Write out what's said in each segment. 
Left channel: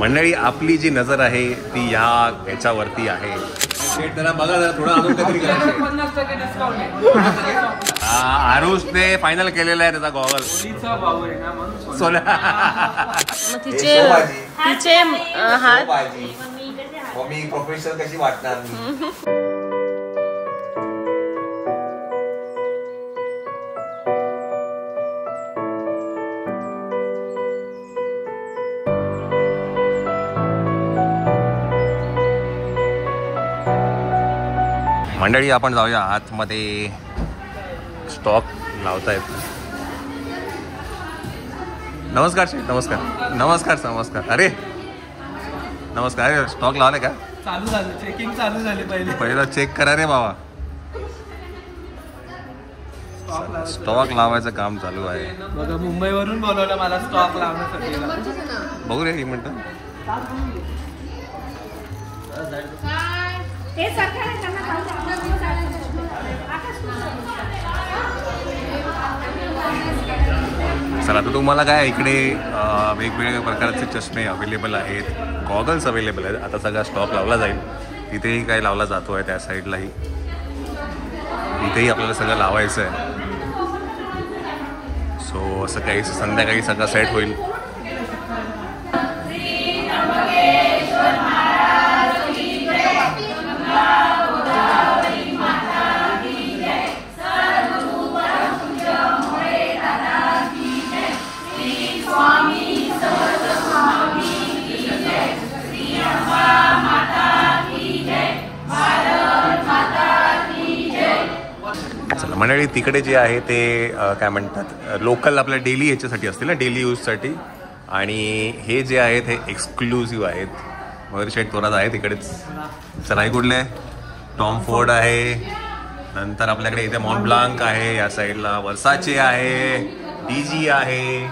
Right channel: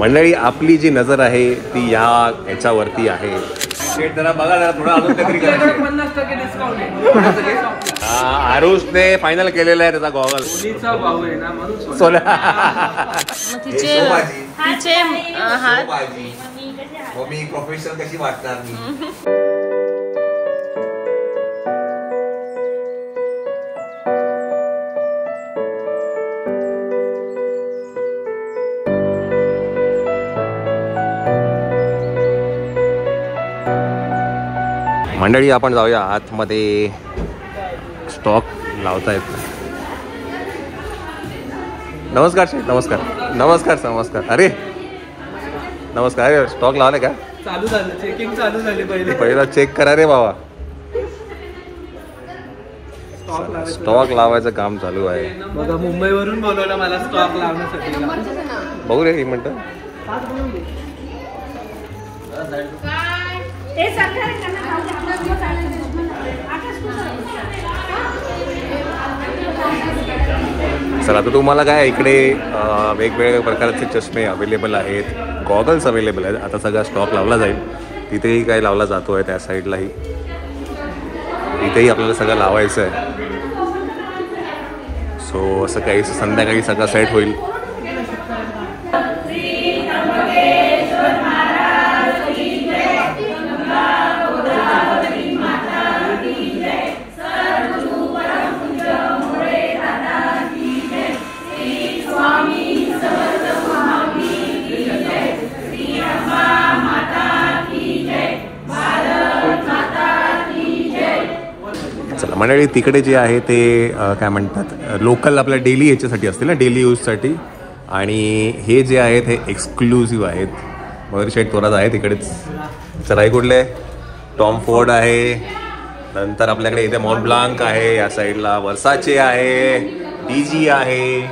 मंडळी आपली जी नजर आहे ती याच्यावरती आहे. आरुषने फायनल केलेला आहे त्याचा गॉगल. तिचे हात मी प्रोफेशनल कशी वाटणार. मंडळी आपण जाऊया आतमध्ये. स्टॉक लावतायत. नमस्कार शेठ. नमस्कार नमस्कार नमस्कार. अरे नमस्कार. अरे स्टॉक लावले का? चालू झालं. चेकिंग चालू झाली. पहिला चेक करा रे बाबा. स्टॉक लावायचं काम चालू आहे. बघा मुंबईवरून बोलवलं मला स्टॉक लावण्यासाठी. बघू रे एक मिनिट. चला तर तुम्हाला काय इकडे वेगवेगळ्या प्रकारचे चष्मे अवेलेबल आहेत. गॉगल्स अवेलेबल आहेत. आता सगळा स्टॉक लावला जाईल. तिथेही काय लावला जातो आहे त्या साईडलाही. इथेही आपल्याला सगळं लावायचं आहे. सो असं काही संध्याकाळी सगळं सेट होईल. मंडळी तिकडे जे आहे ते काय म्हणतात लोकल आपल्या डेली याच्यासाठी असतील ना, डेली यूजसाठी. आणि हे जे आहेत हे एक्सक्लुझिव्ह आहेत. मयूरशेठ थोरात आहे तिकडेच. चला हे कुठले? टॉम फोर्ड आहे. नंतर आपल्याकडे इथे मॉन्टब्लांक आहे. या साईडला वर्साचे आहे. डीजी आहे.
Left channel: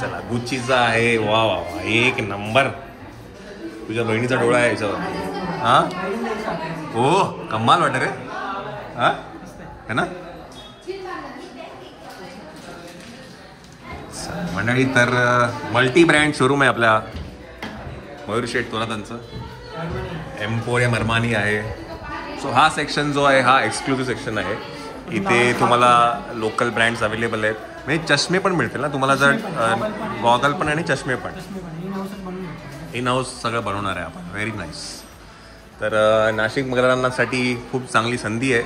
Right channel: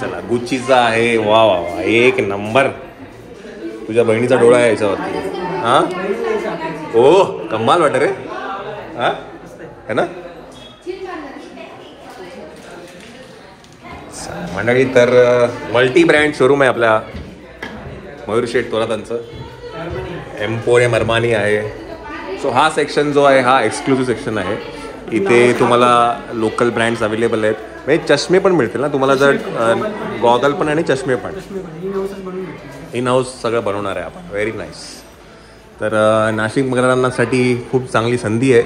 चला गुच्चीचा आहे. वा वा वा एक नंबर. तुझ्या बहिणीचा डोळा आहे याच्यावरती. हा ओ कमाल वाटत रे. हा है ना मंडळी. तर मल्टी ब्रँड शोरूम आहे आपल्या मयूरशेठ थोरातांचं. एम्पोरियम अरमानी आहे. सो हा सेक्शन जो आहे हा एक्सक्लुझिव्ह सेक्शन आहे. इथे तुम्हाला लोकल ब्रँड्स अवेलेबल आहेत. म्हणजे चष्मे पण मिळतील ना तुम्हाला. जर गॉगल पण आणि चष्मे पण इन हाऊस सगळं बनवणार आहे आपण. Very nice. तर नाशिककरांसाठी खूप चांगली संधी आहे.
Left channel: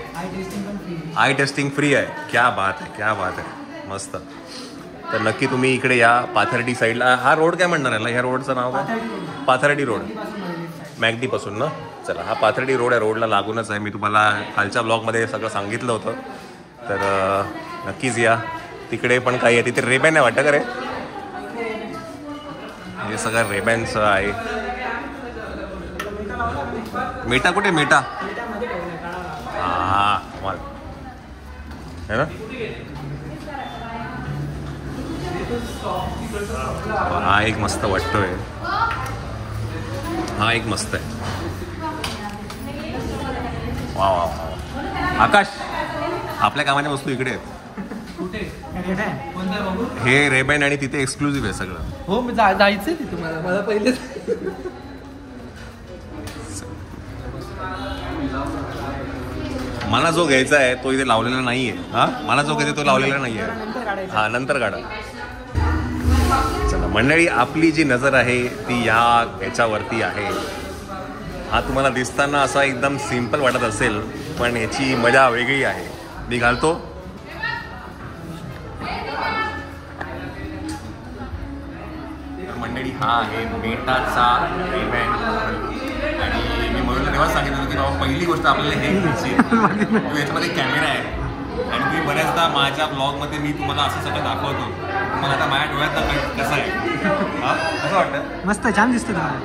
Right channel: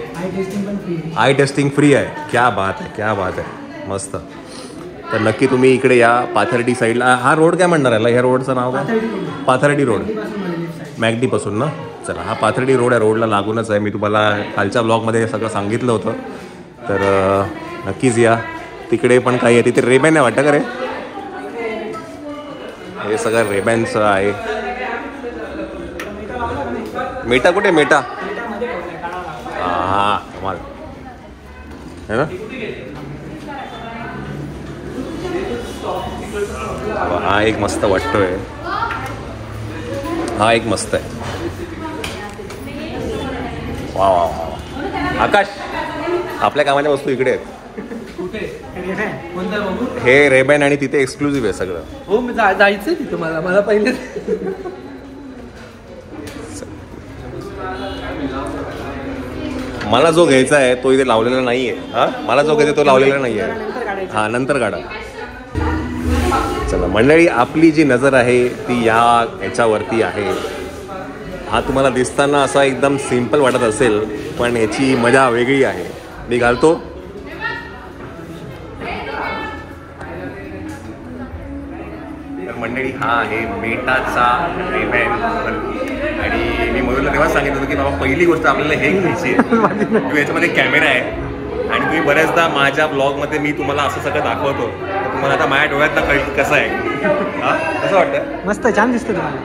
आय टेस्टिंग फ्री आहे. क्या बात आहे क्या बात आहे. मस्त. तर नक्की तुम्ही इकडे या. पाथर्डी साईडला. हा रोड काय म्हणणार आहे? ह्या रोडचं नाव काय? पाथर्डी रोड. मॅगडीपासून ना. चला हा पाथर्डी रोड आहे. रोडला लागूनच आहे. मी तुम्हाला कालच्या ब्लॉगमध्ये सगळं सांगितलं होतं. तर नक्कीच या. तिकडे पण काही आहे. तिथे रेबॅन आहे वाटतं का रे? हे सगळं रेबॅनचं आहे. मेटा कुठे? मेटा हा कमाल है ना. हा एक मस्त वाटतोय. हा एक मस्त आहे. वा वा. आकाश आपल्या कामाच्या वस्तू इकडे आहेत. हे रेबॅन आणि तिथे एक्सक्लुझिव्ह आहे सगळं. हो मी जायचंय तिथं. मला पहिले मला जो घ्यायचा आहे तो इथे लावलेला नाहीये. हा मला जो घ्यायचा तो लावलेला नाहीये. हा नंतर काढा. चला मंडळी आपली जी नजर आहे ती याच्यावरती आहे. हा तुम्हाला दिसताना असा एकदम सिम्पल वाटत असेल पण याची मजा वेगळी आहे. मी घालतो. तर मंडळी हा आहे मेटाचा रेबॅन. आणि मी मयूरला तेव्हा सांगितलं होतं की बाबा पहिली गोष्ट आपल्याला हे घ्यायची आहे. याच्यामध्ये कॅमेरा आहे. आणि तुम्ही बऱ्याचदा माझ्या ब्लॉगमध्ये मी तुम्हाला असं सगळं दाखवतो. तुम्हाला आता माझ्या डोळ्यात कसं आहे? हा कसं वाटतं? मस्त छान दिसतं तुम्हाला.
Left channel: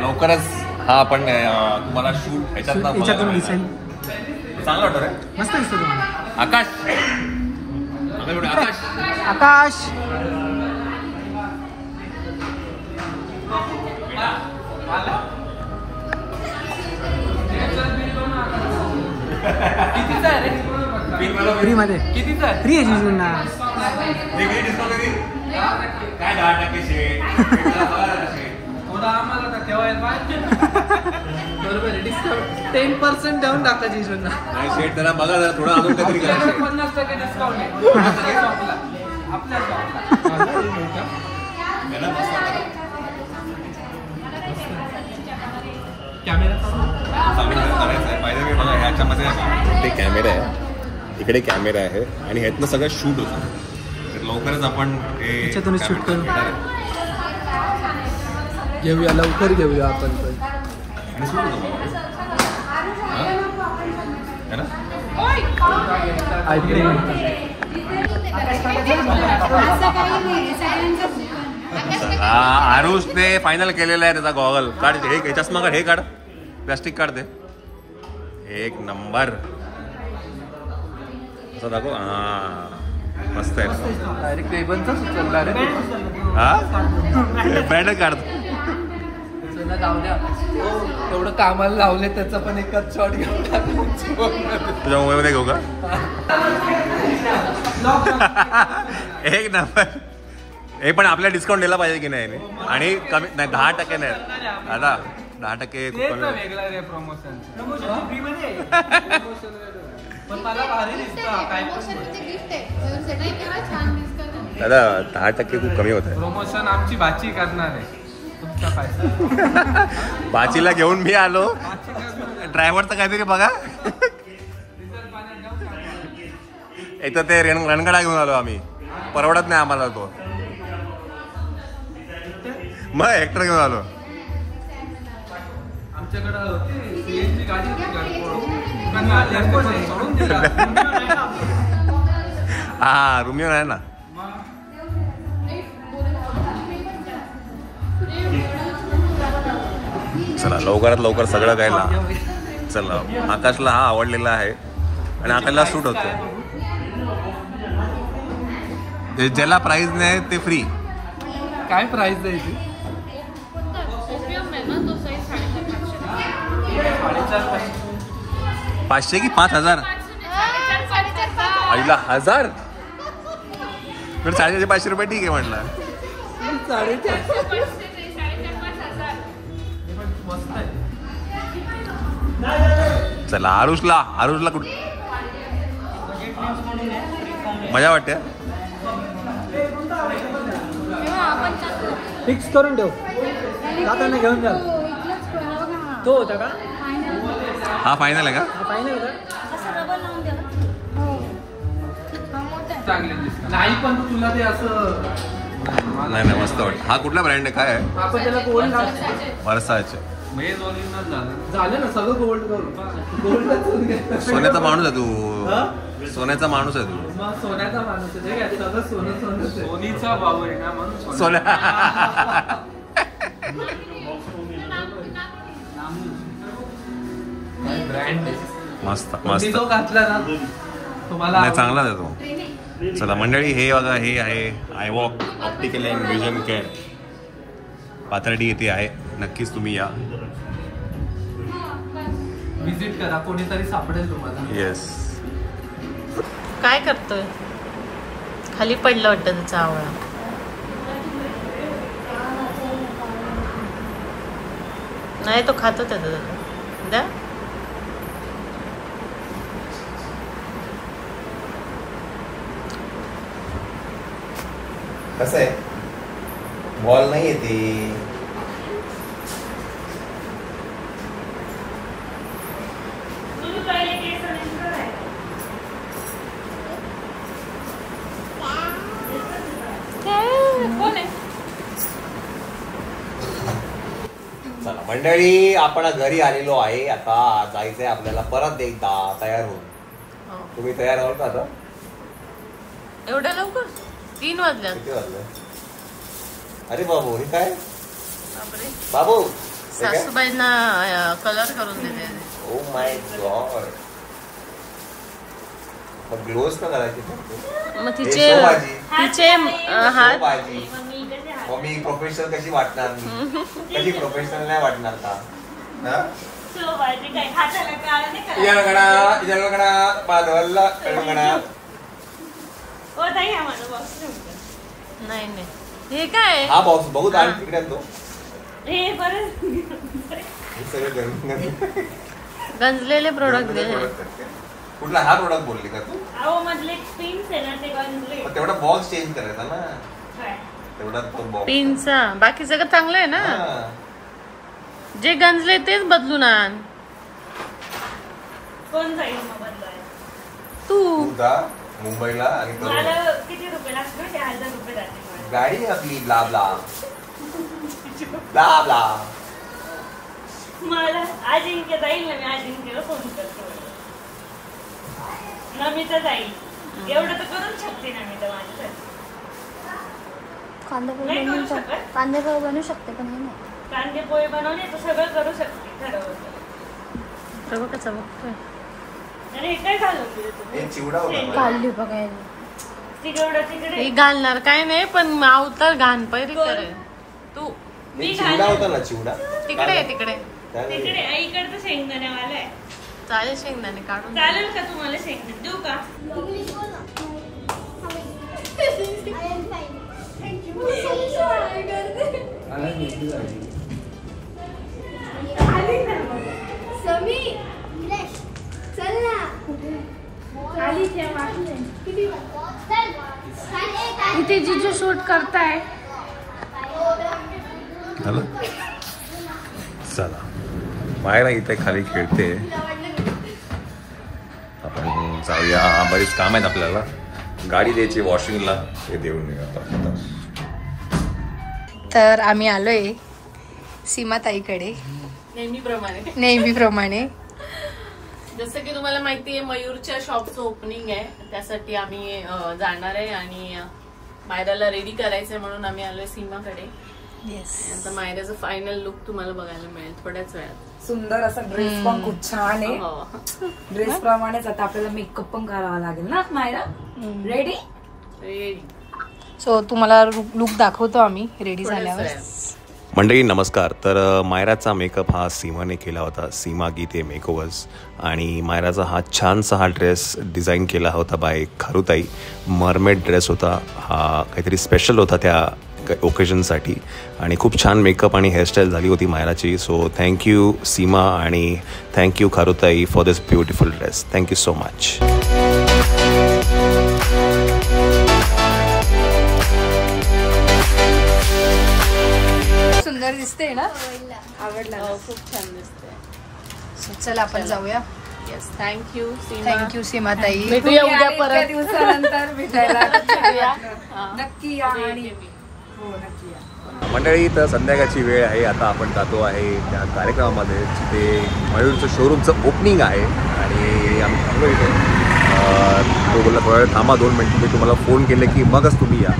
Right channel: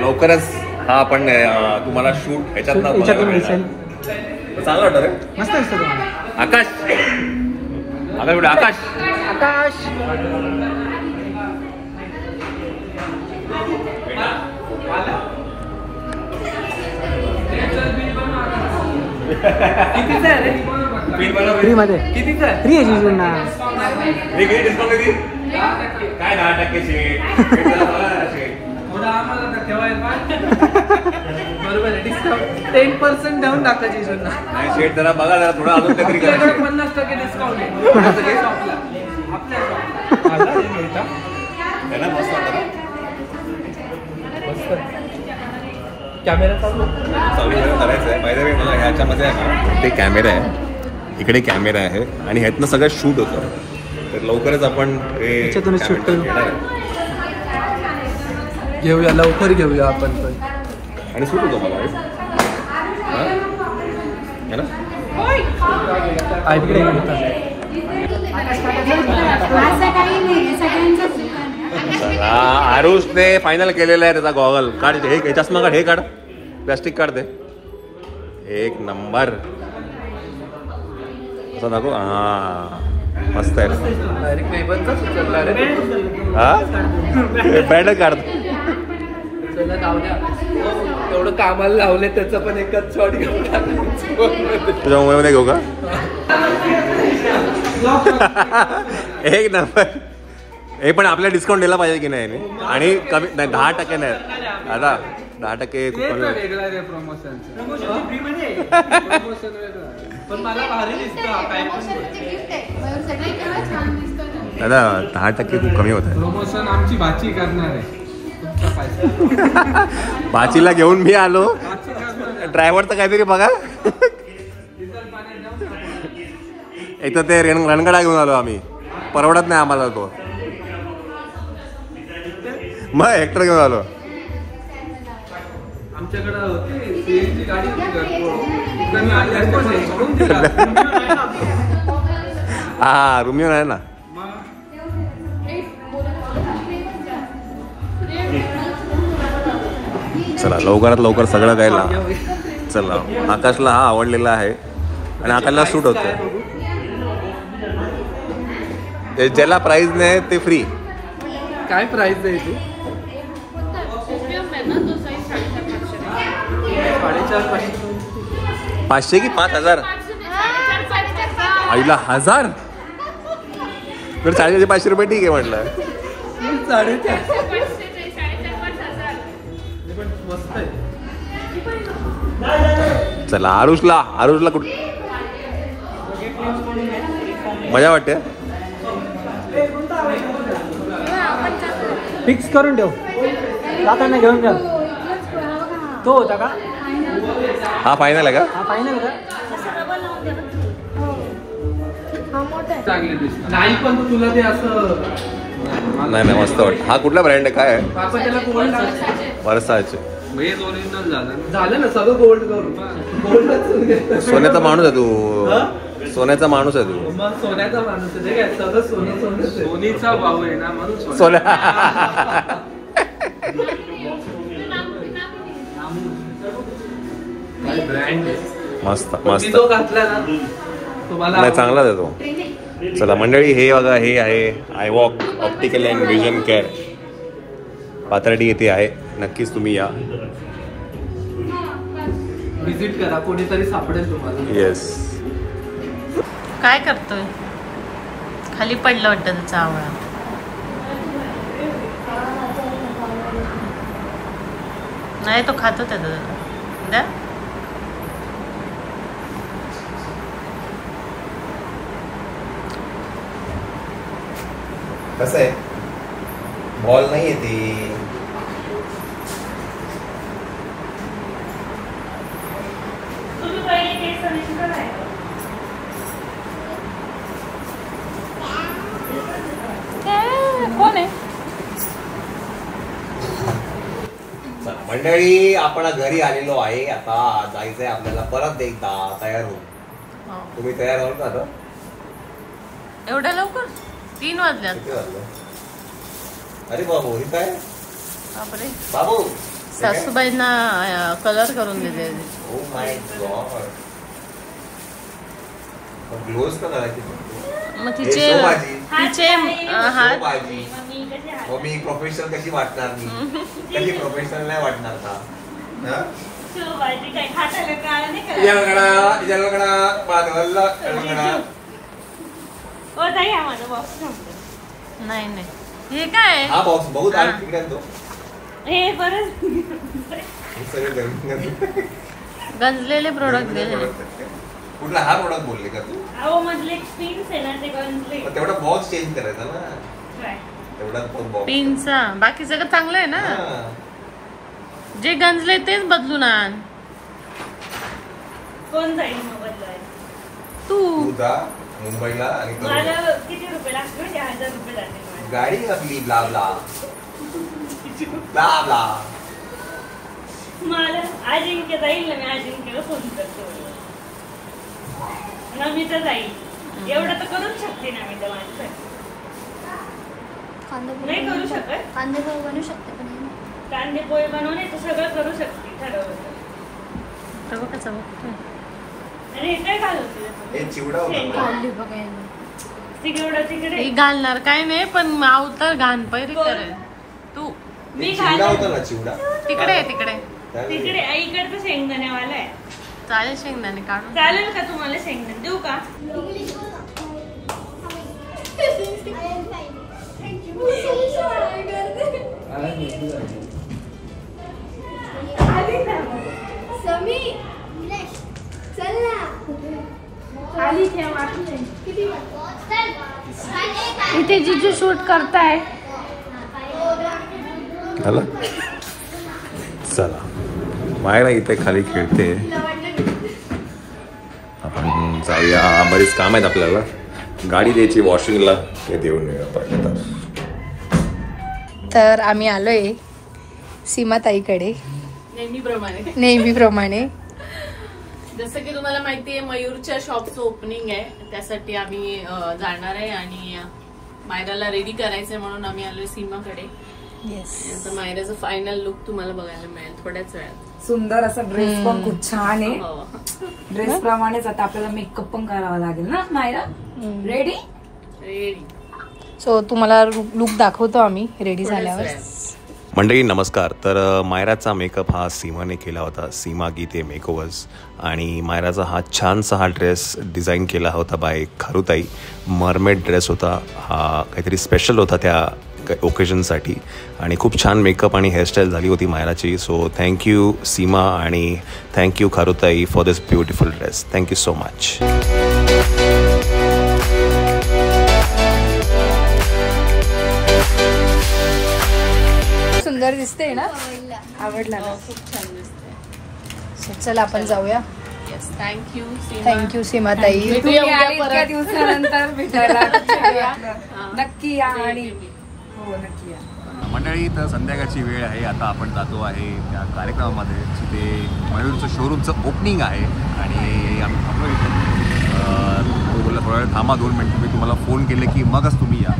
लवकरच हा आपण तुम्हाला शूट ह्याच्यातून दिसेल. चांगलं वाटतं रे. मस्त दिसतं तुम्हाला. आकाश आकाश आकाश कितीचा आहे रे? फ्री मध्ये कितीचा आहे? फ्री आहे जिजूंना. काय 10% शेट? आम्हाला तर ठेवायला 10% देऊन टाका जिजूंना. शेट जरा बघा जरा थोडा अजून काहीतरी करा. आपल्याकडे 50% डिस्काउंट आहे. है ना, मस्त वाटतं ना? कॅमेरा चालू करायचं आहे. बाय द वे मला ह्याच्यामध्ये आहे ना ते कॅमेरा आहे, इकडे कॅमेरा आहे आणि ह्यातनं सगळं शूट होतं. तर लवकरच आपण हे ह्याच्यातूनच काय shoot म्हणतात, करू. घेणार आहे. घेऊया, लवकर घेऊया आपण. आणि शूट होतो मला हा? है ना? तिकडे आरुषने फायनल केलेला आहे त्याचा गॉगल. काढ हे चष्मा काढ, हे काढ, प्लास्टिक काढ, दे. एक नंबर असं दाखवू. हा मस्त आहे. डायरेक्ट टेबलचाच उचलला रे. हा बॅड काढ. तेवढं कामाला लावले त्याचं पण एकच शॉट घेऊन तुझ्या मोबाईलमध्ये घेऊ का? एक नंबर. हे पण आपल्याला डिस्काउंट दिला पाहिजे की नाही? आणि कमी नाही, 10% नाही आता 10% खूप कमी होतं. दादा 10% खूप कमी होत आहे. प्रमोशन आमची भाची करणार आहे. भाचीला घेऊन मी आलो. ड्रायव्हर तर काहीतरी बघा. इथं ते रणगडा घेऊन आलो आम्ही. परवडत नाही आम्हाला तो. मग हेक्टर घेऊन आलो. आमच्याकडं सीएनजी गाडी हा रुमिओन आहे ना. चला लवकरात लवकर सगळं गायला. चला आकाशला हा आवडलेला आहे आणि आकाशला सूट होतं. ज्याला प्राइस नाही ते फ्री. काय प्राइस आहे तू? 500 की 5000? आईला 1000? तर 500 रुपये ठीक आहे म्हटलं. चला आरुषला कुठ मजा वाटते. फिक्स करून ठेव. काकांना घेऊन ठेव. तो होता का? हा फायनल आहे का? नाही पण तुला ते असं नाही मस्त वाटत. हा कुठला ब्रँड आहे? काय आहे? वर्साचे. झालं ना सगळं गोल्ड करून. सोन्याचा माणूस आहे तू. सोन्याचा माणूस आहे तू. मग सोन्याचा माणूस आहे काय? सगळं सोनं सोनीचा भाव आहे ना म्हणून सोन्या. मस्त मस्त. तो घातला ना तुम्हाला नाही चांगलाच आहे तो. चला मंडळी हे बघा, हे आहे I walk optical and vision care. Pathardi येथे आहे. नक्कीच तुम्ही या. विजिट करा, कोणीतरी सापडेल तुम्हाला. येस. काय करतोय? खाली पडलं वाटतं त्याचा आवळा. नाही तो खातो त्याला. द्या. कसं आहे? बॉल नाही येते. कोण आहे? चला मंडळी आपण घरी आलेलो आहे. आता जायचंय आपल्याला परत एकदा तयार होऊन. तुम्ही तयार आहोत का आता? एवढ्या लवकर? 3 वाजल्यात. किती वाजलं? अरे बाबू, हे काय बापरे. बाबू? सासूबाईंना कलर करून दिले. Oh my God. ग्लोव्स का करायचे? मग तिचे हात. मग मी प्रोफेशनल कशी वाटणार? मी कशी प्रोफेशनल नाही वाटणार का? नाही नाही हे काय हा बॉक्स बघू तिकडे तो गंजलेले प्रोडक्ट दिले. कुठला हा प्रोडक्ट बोलले का तू? तेवढा बॉक्स चेंज करायचा ना, तेवढा तो बॉक्स पिनचा. बाकी सगळं चांगलं आहे ना, जे गंजले तेच बदलून आण. कोण जाईल मग बदलायला? तू जा मुंबईला आणि मला किती रुपये लागतील? 1000 रुपये जाते. गाडी आपली ब्ला ब्ला ब्ला ब्ला. मला अजिंक्य जाईल ना, मी अजिंक्यला फोन करतो. नमिता जाईल, एवढं तर करूच शकते ना मी तर माझ्यासाठी. नाही करू शकत. कांदे पोहे बनवू शकते पण नाही. कांदे पोहे बनवणे तर सगळं करू शकते ठरवलं. सर्व कसं बघतोय. आणि हे काय घालवते हे चिवडा होता ना. काढली बघायला. तिकडे हे घालणार काय नाही, पण अवतार घाण पैरी करेल तू. मी चिवडा होता ना, चिवडा तिकडे तिकडे तिकडे आईकडे शेंगदाणेवाला आहे. चालेल, शेंगदाणे काढून. चालेल का तुम्हाला शेंगदाणे देऊ का? इथे जिजू शूट करताय. चला मायरा इथे खाली खेळते. आपण जाऊया, बरेच काम आहेत आपल्याला. गाडी द्यायची वॉशिंगला, हे देऊन तर आम्ही आलोय सीमाताईकडे नेहमीप्रमाणे. जसं की तुम्हाला माहिती आहे, मयूरच्या शॉपचं ओपनिंग आहे, त्यासाठी आम्ही जाणार आहे आणि मायराला रेडी करायचंय म्हणून आम्ही आलोय सीमाकडे. आता मायराचं फायनल लुक तुम्हाला बघायला मिळेल थोड्याच वेळात. सुंदर असा ड्रेस पण खूप छान आहे. ड्रेस प्रमाणेच आता आपल्याला मेकअप पण करावा लागेल ना मायरा. Ready ready. सो तुम्हाला लुक दाखवतो आम्ही रेडी झाल्यावर. मंडळी नमस्कार. तर मायराचा मेकअप हा सीमाने केला होता, सीमा गीते मेकओव्हर्स. आणि मायराचा हा छानसा हा ड्रेस डिझाईन केला होता बाय खारुताई. मरमेड ड्रेस होता हा, काहीतरी स्पेशल होता त्या ओकेजनसाठी. आणि खूप छान मेकअप आणि हेअरस्टाईल झाली होती मायराची. सो थँक्यू सीमा आणि थँक्यू खारुताई for this beautiful dress. Thank you so much. सुंदर दिसते ना, आवडला. खूप छान दिसतं. चला आपण जाऊया. थँक्यू सीमाताई. इतक्या दिवसानंतर भेटायला नक्की या. आणि हो नक्की या. मंडळी तर संध्याकाळची वेळ आहे. आता आपण जातो आहे त्या कार्यक्रमामध्ये जिथे मयूरचं शोरूमचं ओपनिंग आहे. आणि आम्ही थांबलो इथे. तो बोलला थोडा वेळ थांबा, 2 मिनिट, मी तुम्हाला फोन केले की मगच तुम्ही या.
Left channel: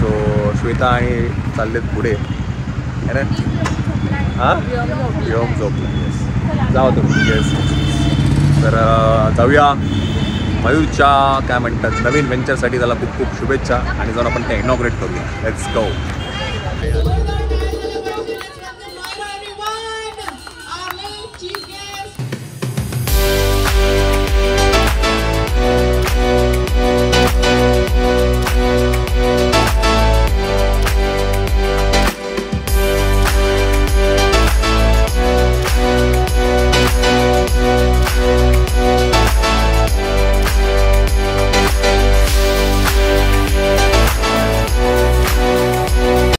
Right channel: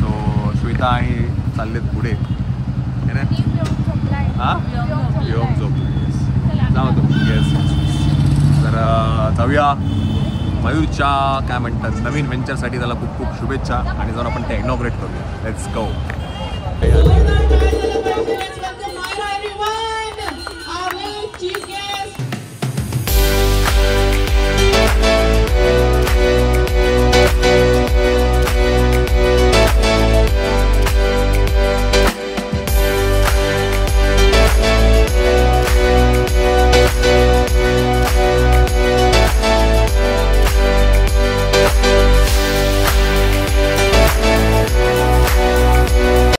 सो श्वेता आणि चाललेत पुढे. हां व्योम झोपला. येस जाऊ तुम्ही. येस तर जाऊया मयूरच्या काय म्हणतात नवीन व्हेंचरसाठी. त्याला खूप खूप शुभेच्छा आणि जाऊन आपण ते इनॉग्रेट करूया. Let's go.